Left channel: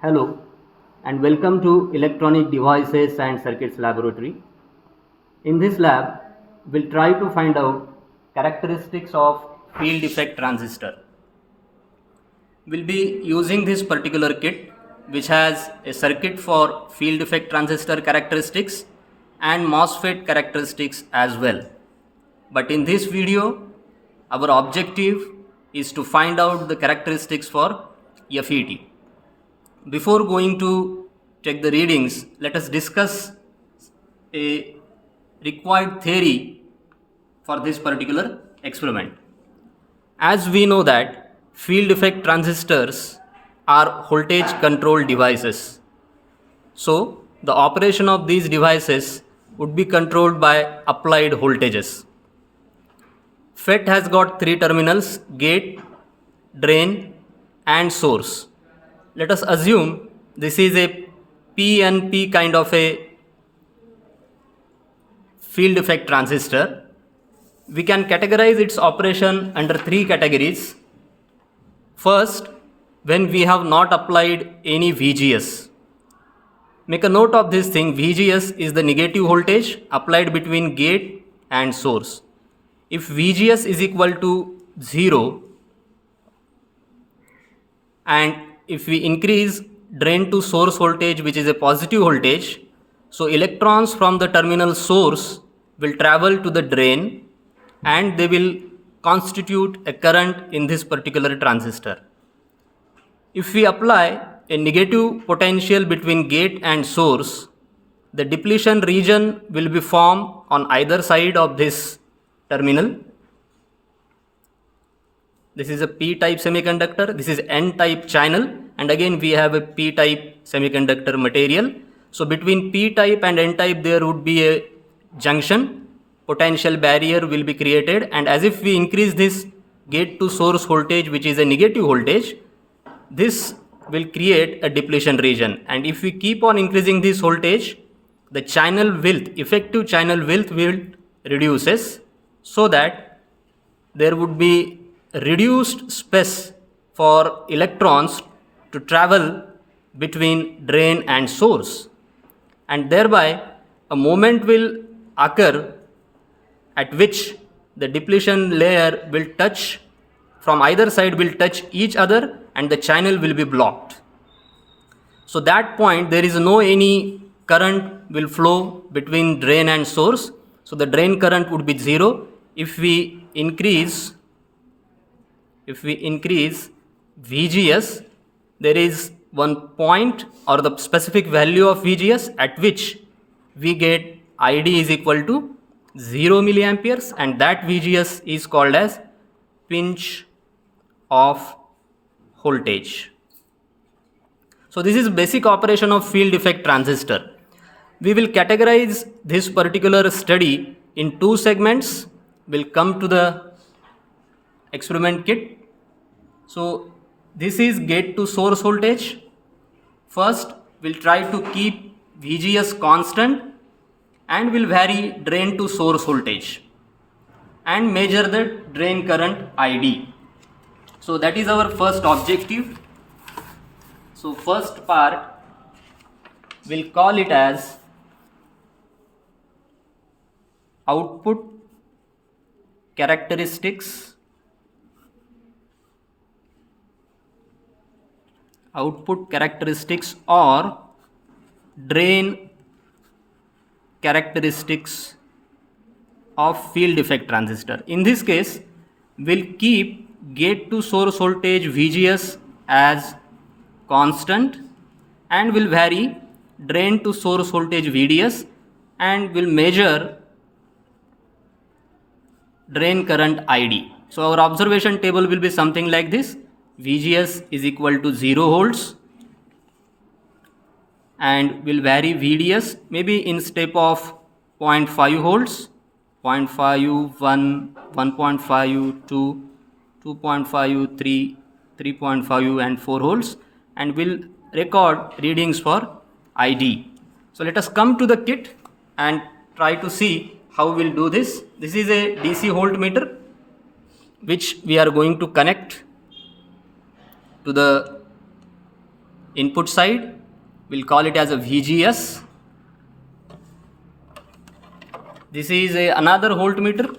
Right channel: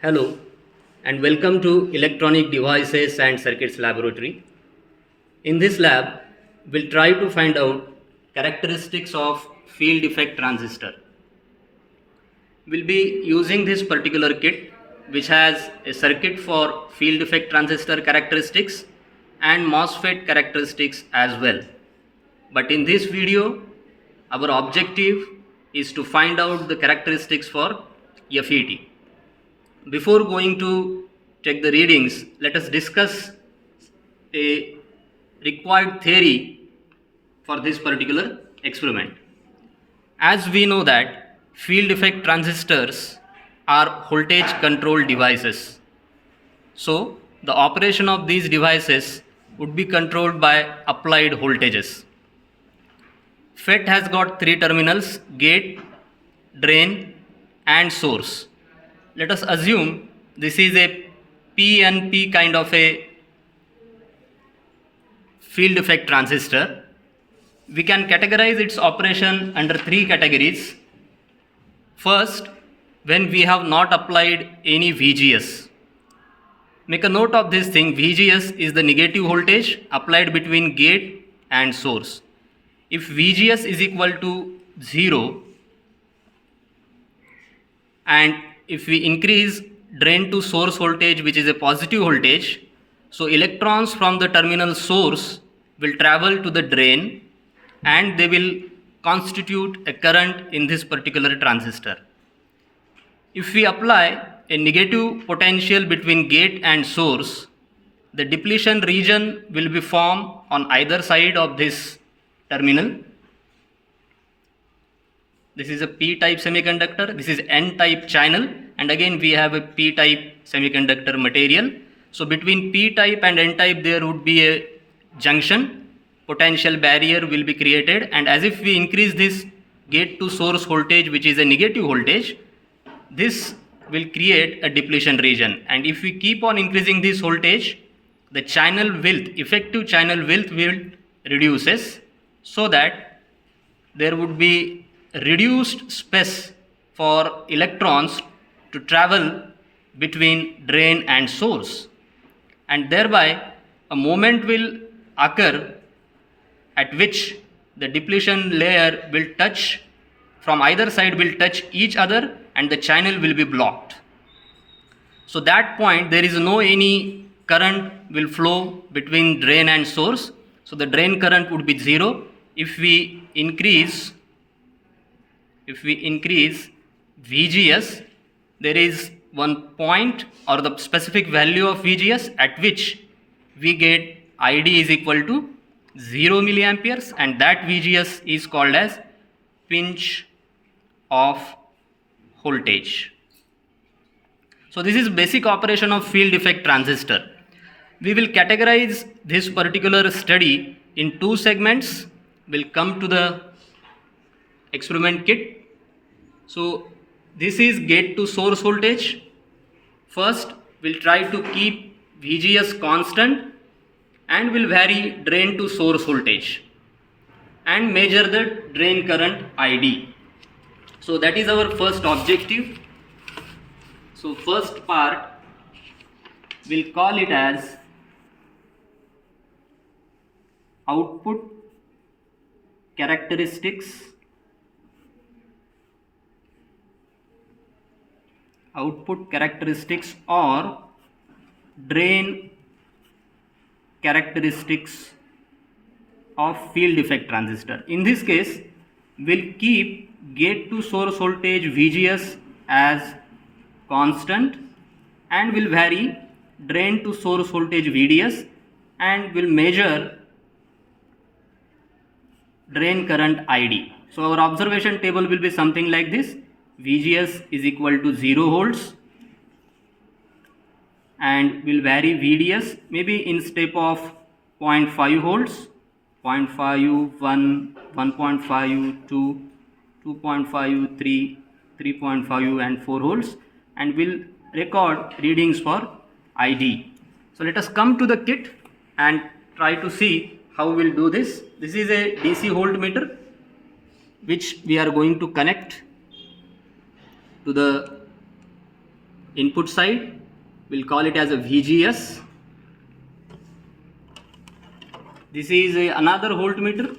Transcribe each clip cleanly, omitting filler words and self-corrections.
Hello and welcome to Electronic Devices and Circuits Laboratory. In this lab, we'll try to find out characteristics of field effect transistor. We'll be using this particular kit which has a circuit for field effect transistor characteristics and MOSFET characteristics as well. But in this video, our objective is to find out the characteristics for FET. Before going to check the readings, let us discuss a required theory for this particular experiment. As we know that field effect transistors are voltage controlled devices. So the operation of these devices would be controlled by applied voltages. FET has got three terminals: gate, drain and source. Let us assume this is a PNP kind of a field effect transistor. We can categorize its operation under three categories. First, when we have not applied any VGS. Make a note of this thing. VGS is the negative voltage applied between gate and source. If VGS is equal to 0 and if we increase drain to source voltage, which is a positive voltage, so electrons from the terminal source will travel to the drain and they will constitute a current in this particular transistor. If we apply a negative potential between gate and source, the depletion region will be formed on either side of this terminal. This is a p-type semiconductor, this is n-type channel, and again we have a p-type semiconductor material. So between p-type and n-type there would be a junction, potential barrier will be created, and as if we increase this gate to source voltage, which is a negative voltage, this will create a depletion region, and if we keep on increasing this voltage, the channel width, effective channel width will reduces, so that there would be reduced space for electrons to travel between drain and source, and thereby a moment will occur at which the depletion layer will touch, from either side will touch each other and the channel will be blocked. So that point there is no any current will flow between drain and source, so the drain current would be 0. If we increase VGS, there is one point or the specific value of VGS at which we get ID is equal to 0 milliamperes, and that VGS is called as pinch off voltage. So this is basic operation of field effect transistor. We will categorize this particular study in two segments. We'll come to the experiment kit. So this is gate to source voltage. First we'll try to keep VGS constant and will vary drain to source voltage and measure the drain current ID. So that is our first objective. So first part we'll call it as output characteristics or drain characteristics of field effect transistor. In this case, we'll keep gate to source voltage VGS as constant and will vary drain to source voltage VDS, and will measure drain current ID. So our observation table will be something like this. VGS is equal to 0 volts and will vary VDS maybe in step of 0.5 volts, 0.5, 1, 1.5, 2, 2.5, 3, 3.5 and 4 volts, and will record readings for ID. So let us come to the kit and try to see how we'll do this. This is a DC voltmeter which we are going to connect to the input side, we'll call it as a VGS. This is another voltmeter.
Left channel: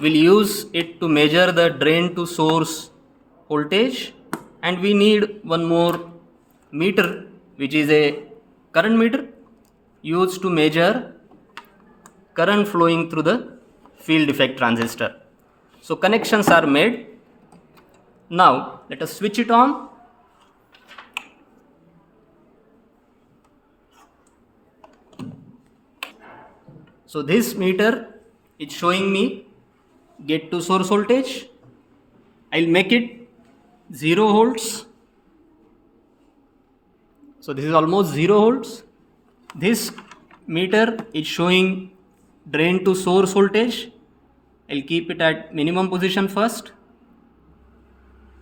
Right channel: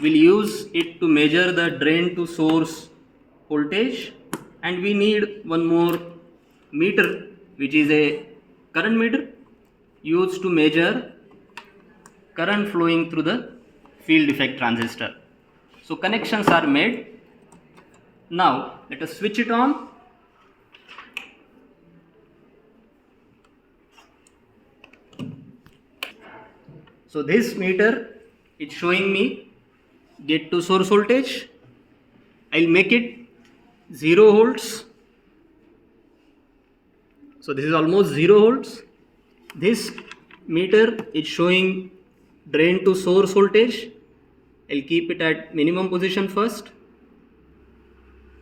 We'll use it to measure the drain to source voltage, and we need one more meter, which is a current meter used to measure current flowing through the field effect transistor. So connections are made. Now let us switch it on. So this meter is showing me gate to source voltage. I'll make it 0 volts. So this is almost 0 volts. This meter is showing drain to source voltage. I'll keep it at minimum position first,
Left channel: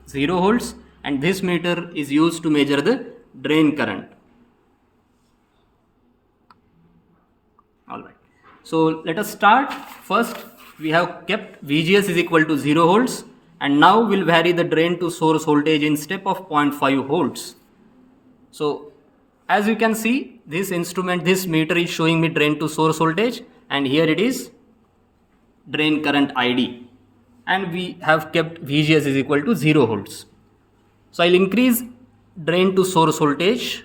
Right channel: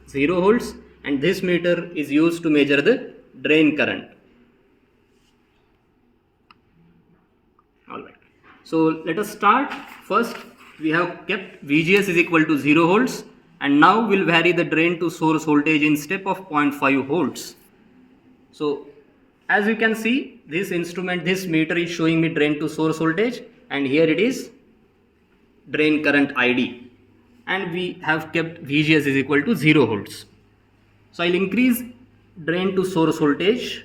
0 volts, and this meter is used to measure the drain current. Alright, so let us start. First we have kept VGS is equal to 0 volts, and now we'll vary the drain to source voltage in step of 0.5 volts. So as you can see, this instrument, this meter is showing me drain to source voltage, and here it is drain current ID, and we have kept VGS is equal to 0 volts. So I'll increase drain to source voltage.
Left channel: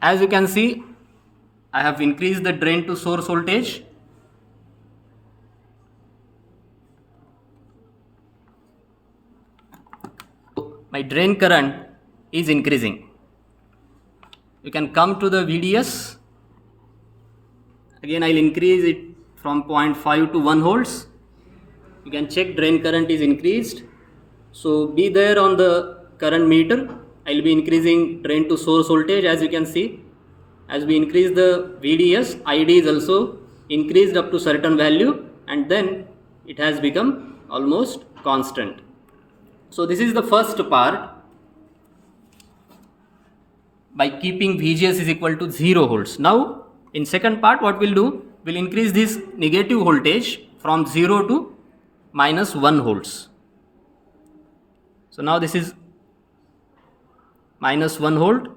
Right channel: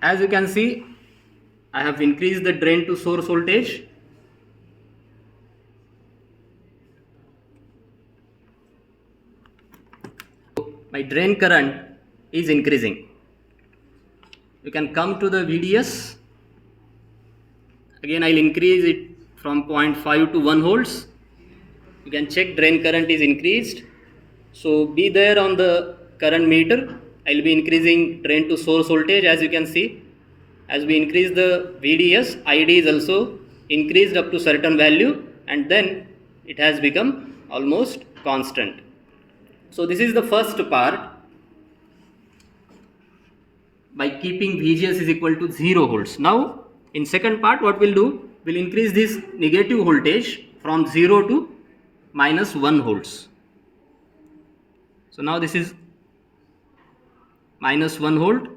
As you can see, I have increased the drain to source voltage. My drain current is increasing. You can come to the VDS. Again, I'll increase it from 0.5 to 1 volts. You can check drain current is increased. So be there on the current meter. I'll be increasing drain to source voltage. As you can see, as we increase the VDS, ID is also increased up to certain value, and then it has become almost constant. So this is the first part. By keeping VGS is equal to 0 volts. Now in second part, what we'll do, we'll increase this negative voltage from 0 to minus 1 volts. So now this is minus 1 volt.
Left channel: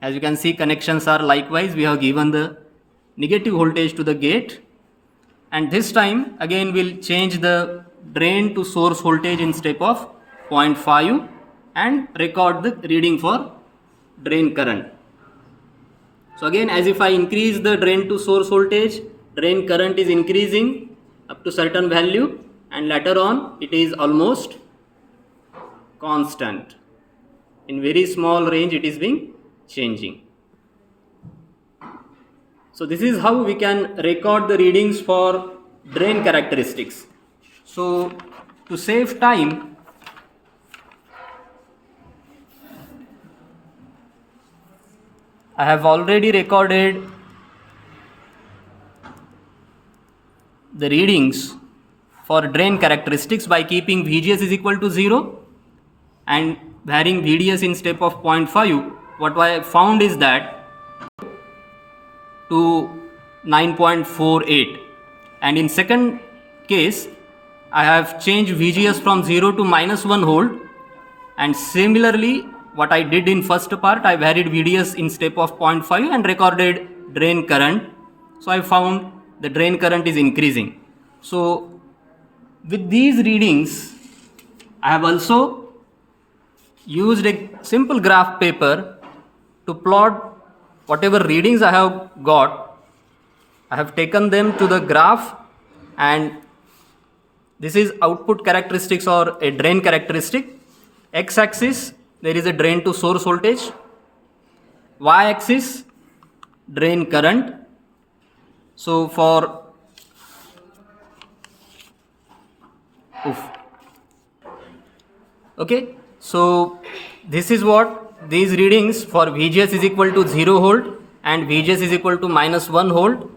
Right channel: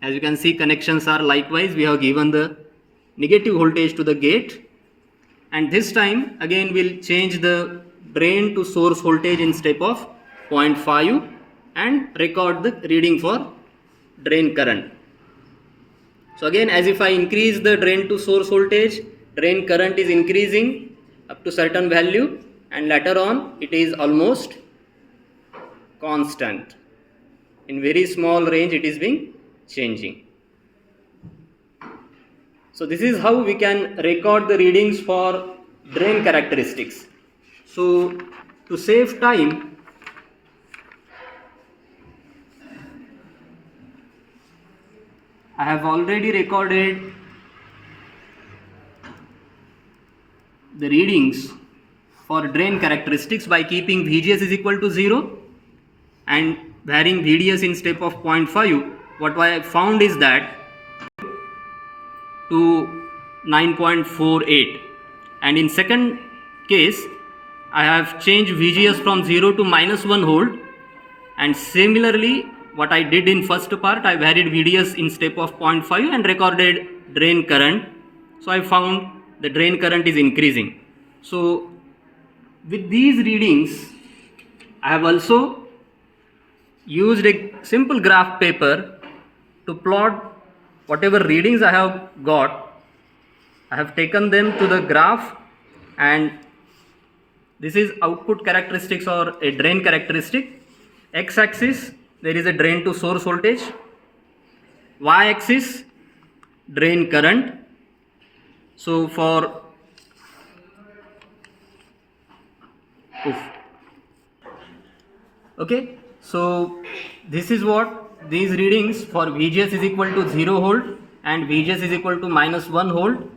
As you can see, connections are likewise. We have given the negative voltage to the gate, and this time again we'll change the drain to source voltage in step of 0.5 and record the reading for drain current. So again, as if I increase the drain to source voltage, drain current is increasing up to certain value, and later on it is almost constant. In very small range it is being changing. So this is how we can record the readings for drain characteristics. So to save time, I have already recorded the readings for drain characteristics by keeping VGS is equal to 0 and varying VDS in step of 0.5. What I found is that to 9.48, and in second case I have changed VGS from 0 to minus 1 volt, and similarly what I did in first part, I varied VDS in step of 0.5 and recorded drain current. So I found the drain current is increasing. So with these readings, I have also used a simple graph paper to plot whatever readings I have got. I have taken them to the graph, and this is output characteristics or a drain characteristic. X-axis, there is a drain to source voltage. Y-axis, drain current. So for okay, so this is what these readings for VGS is equal to 0 volt and VGS is equal to minus 1 volt.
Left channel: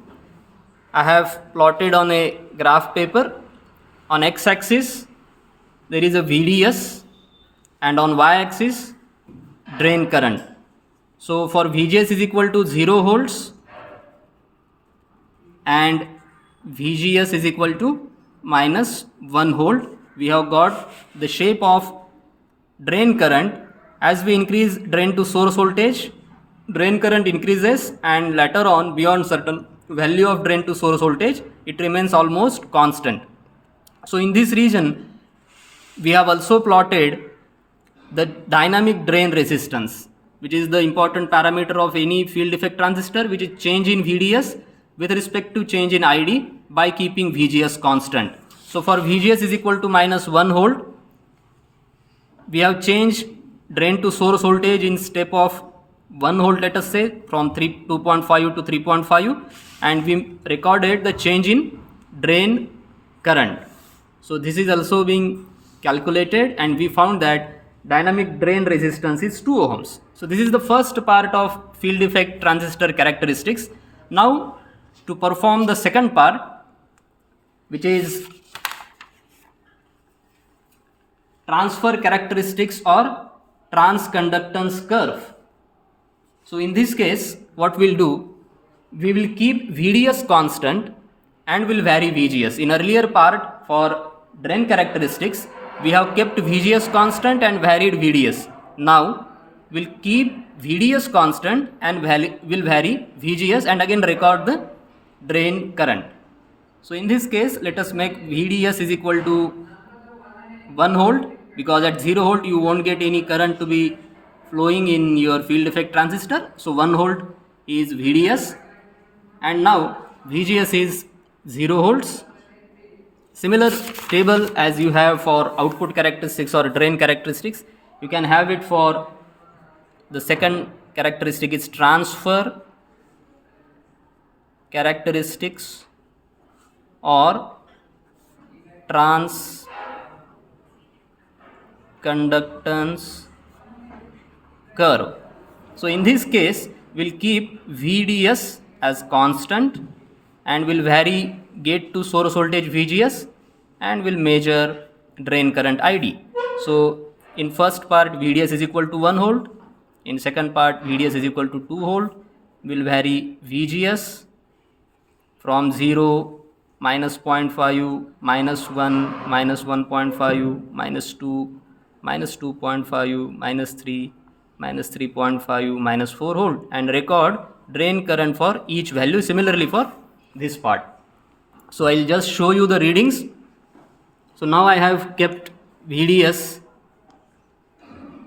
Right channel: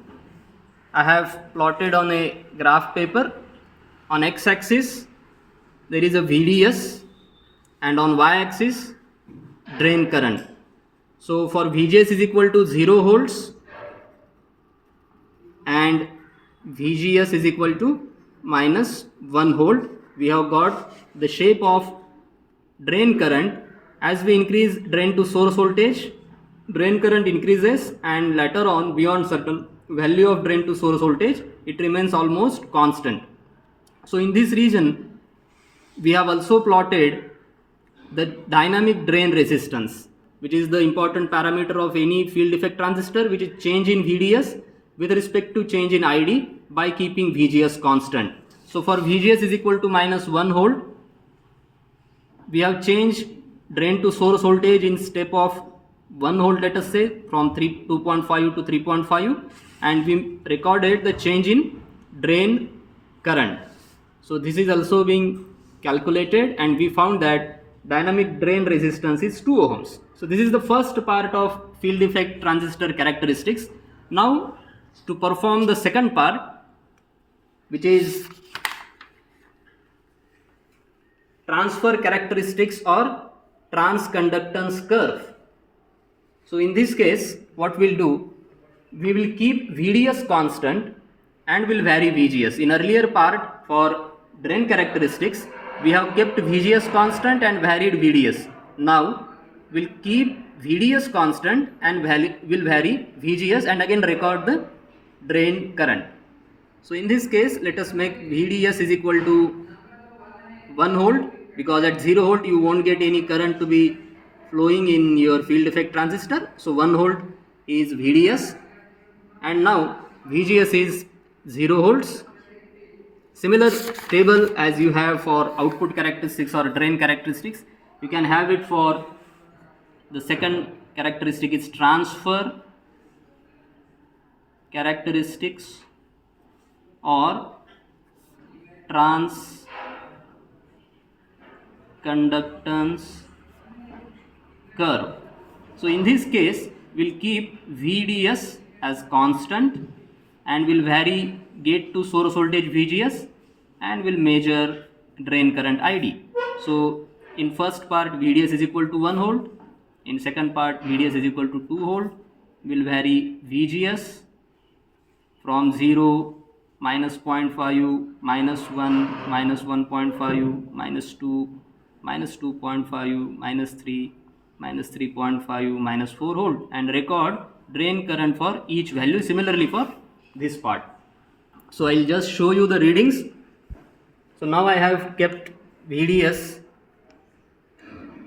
I have plotted on a graph paper. On x-axis there is a VDS, and on y-axis drain current. So for VGS is equal to 0 volts and VGS is equal to minus 1 volt. We have got the shape of drain current. As we increase drain to source voltage, drain current increases, and later on beyond certain value of drain to source voltage, it remains almost constant. So in this region, we have also plotted the dynamic drain resistance, which is the important parameter of any field effect transistor, which is change in VDS with respect to change in ID by keeping VGS constant. So for VGS is equal to minus 1 volt, we have changed drain to source voltage in step of 1 volt, let us say, from 2.5 to 3.5, and we recorded the change in drain current. So this is also being calculated, and we found that dynamic drain resistance is 2 ohms. So this is the first part of field effect transistor characteristics. Now to perform the second part, which is transfer characteristics or transconductance curve. So in this case, what we'll do, we will keep VDS constant and will vary VGS. In earlier part for drain characteristics, we have kept VGS constant and varied VDS. Now we'll keep VDS constant and will vary VGS and again record the drain current. So in this case, let us make VDS is equal to 1 volt, because at 0 volt you won't get any current to be flowing in your field effect transistor. So 1 volt is VDS, and now VGS is 0 volts. Similar table as you have for output characteristics or drain characteristics, you can have it for the second characteristic. Is transfer characteristics or transconductance curve. So in this case, we'll keep VDS as constant and will vary gate to source voltage VGS and will measure drain current ID. So in first part, VDS is equal to 1 volt. In second part, VDS is equal to 2 volt. Will vary VGS from 0, minus 0.5, minus 1, minus 1.5, minus 2, minus 2.5, minus 3, minus 3.5, minus 4 volt, and record drain current for each value. Similarly for this part. So I'll just show you the readings. So now I have kept VDS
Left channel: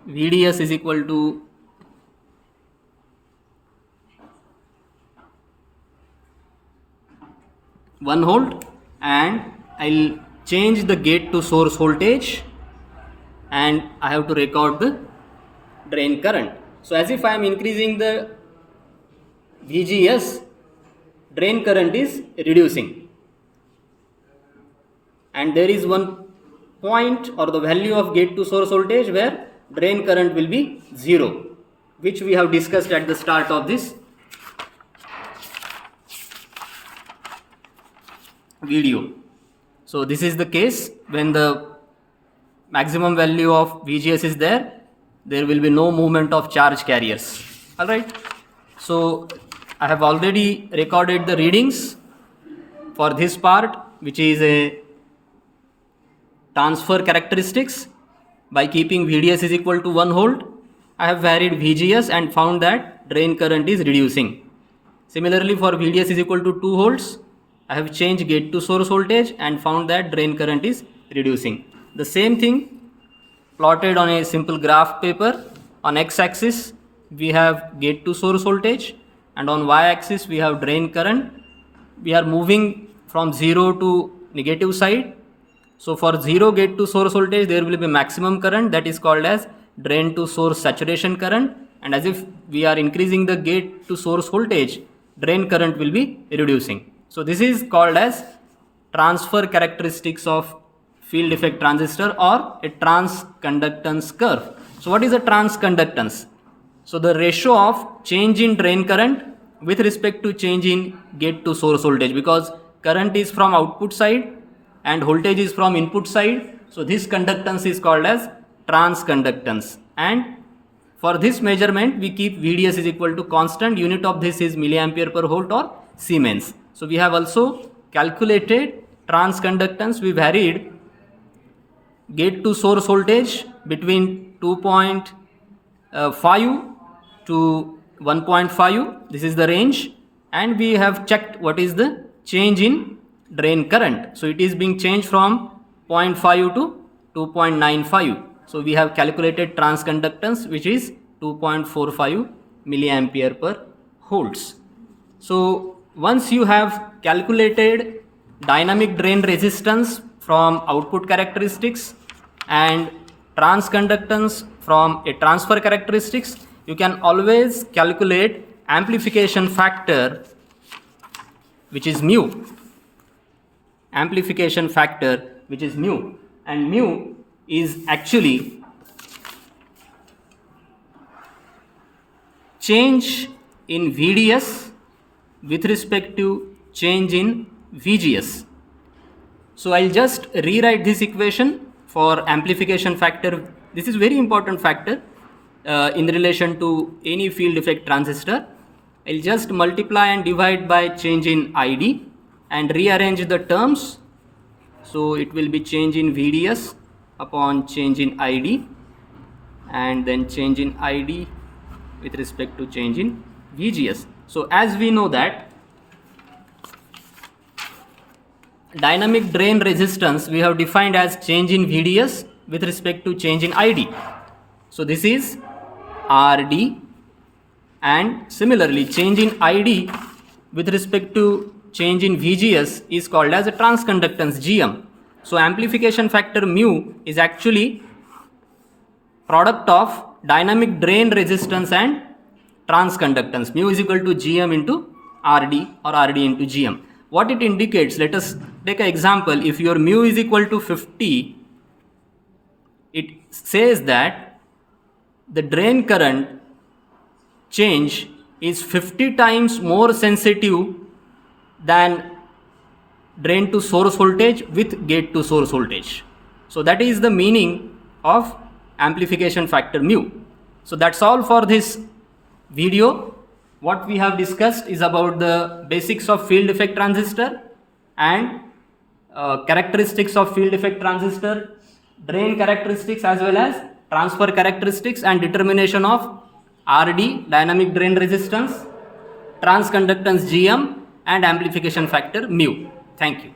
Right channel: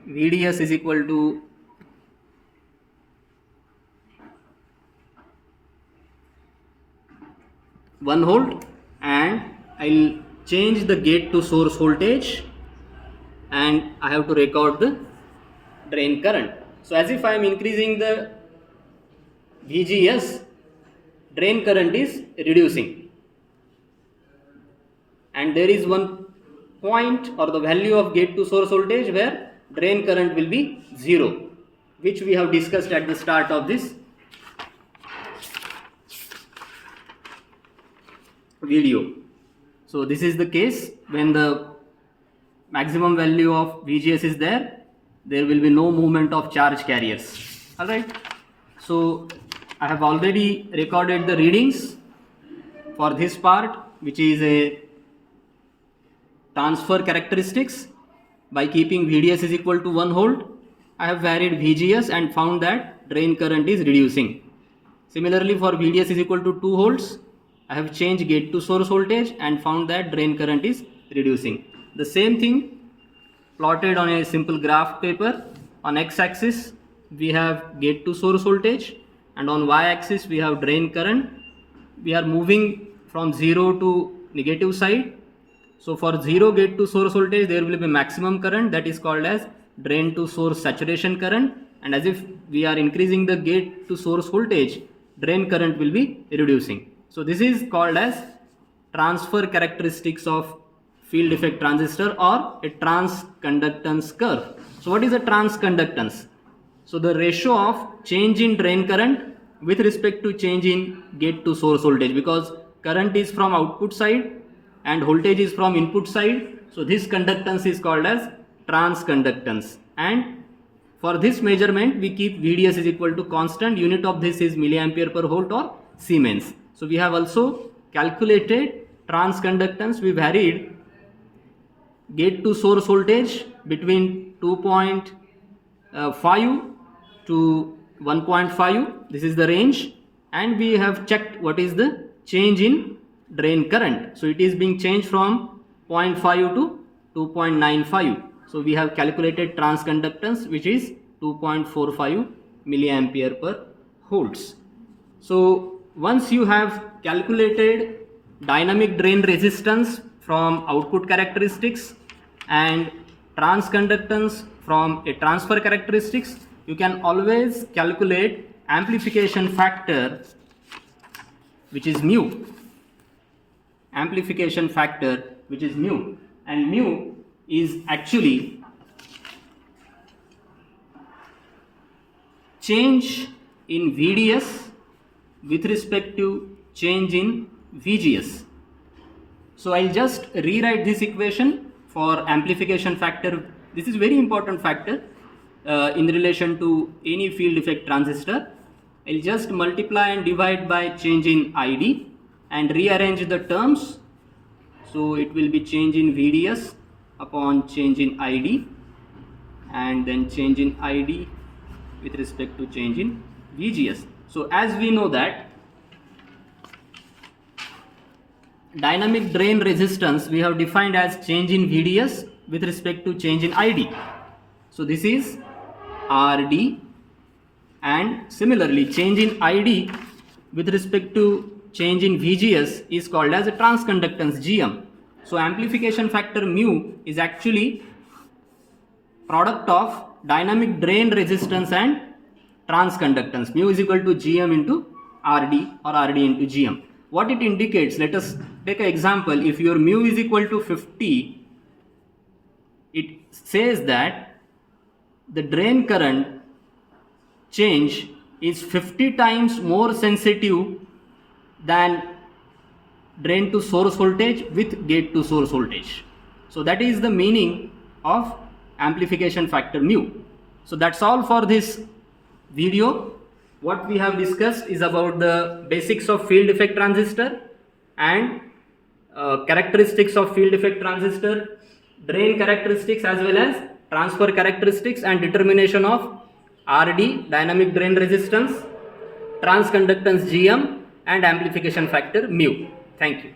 is equal to 1 volt, and I'll change the gate to source voltage, and I have to record the drain current. So as if I am increasing the VGS, drain current is reducing, and there is one point or the value of gate to source voltage where drain current will be 0, which we have discussed at the start of this video. So this is the case when the maximum value of VGS is there will be no movement of charge carriers. Alright, so I have already recorded the readings for this part, which is a transfer characteristics. By keeping VDS is equal to 1 volt, I have varied VGS and found that drain current is reducing. Similarly for VDS is equal to 2 volts, I have changed gate to source voltage and found that drain current is reducing. The same thing plotted on a simple graph paper. On x-axis we have gate to source voltage, and on y-axis we have drain current. We are moving from 0 to negative side. So for 0 gate to source voltage, there will be maximum current, that is called as drain to source saturation current, and as if we are increasing the gate to source voltage, drain current will be reducing. So this is called as transfer characteristics of field effect transistor or a transconductance curve. So what is a transconductance? So the ratio of change in drain current with respect to change in gate to source voltage, because current is from output side and voltage is from input side. So this conductance is called as transconductance, and for this measurement we keep VDS is equal to constant. Unit of this is milliampere per volt or Siemens. So we have also calculated transconductance, we varied gate to source voltage between 2.5 to 1.5. This is the range, and we have checked what is the change in drain current. So it is being changed from 0.5 to 2.95. So we have calculated transconductance, which is 2.45 milliampere per volts. So once you have calculated dynamic drain resistance from output characteristics and transconductance from a transfer characteristics, you can always calculate amplification factor, which is mu. Amplification factor, which is mu, and mu is actually change in VDS with respect to change in VGS. So I'll just rewrite this equation for amplification factor. This is very important factor in relation to any field effect transistor. I'll just multiply and divide by change in ID and rearrange the terms. So it will be change in VDS upon change in ID, and then change in ID with respect to change in VGS. So as we know that dynamic drain resistance we have defined as change in VDS with respect to change in ID. So this is RD, and similarly change in ID with respect to change in VGS is called as a transconductance GM. So amplification factor mu is actually product of dynamic drain resistance and transconductance. Mu is equal to GM into RD or RD into GM. What it indicates, let us take an example. If your mu is equal to 50, it says that the drain current change is 50 times more sensitive than drain to source voltage with gate to source voltage. So that is the meaning of amplification factor mu. So that's all for this video. What we have discussed is about the basics of field effect transistor and characteristics of field effect transistor, drain characteristics as well as transfer characteristics, and determination of RD, dynamic drain resistance, transconductance GM, and amplification factor mu. Thank you.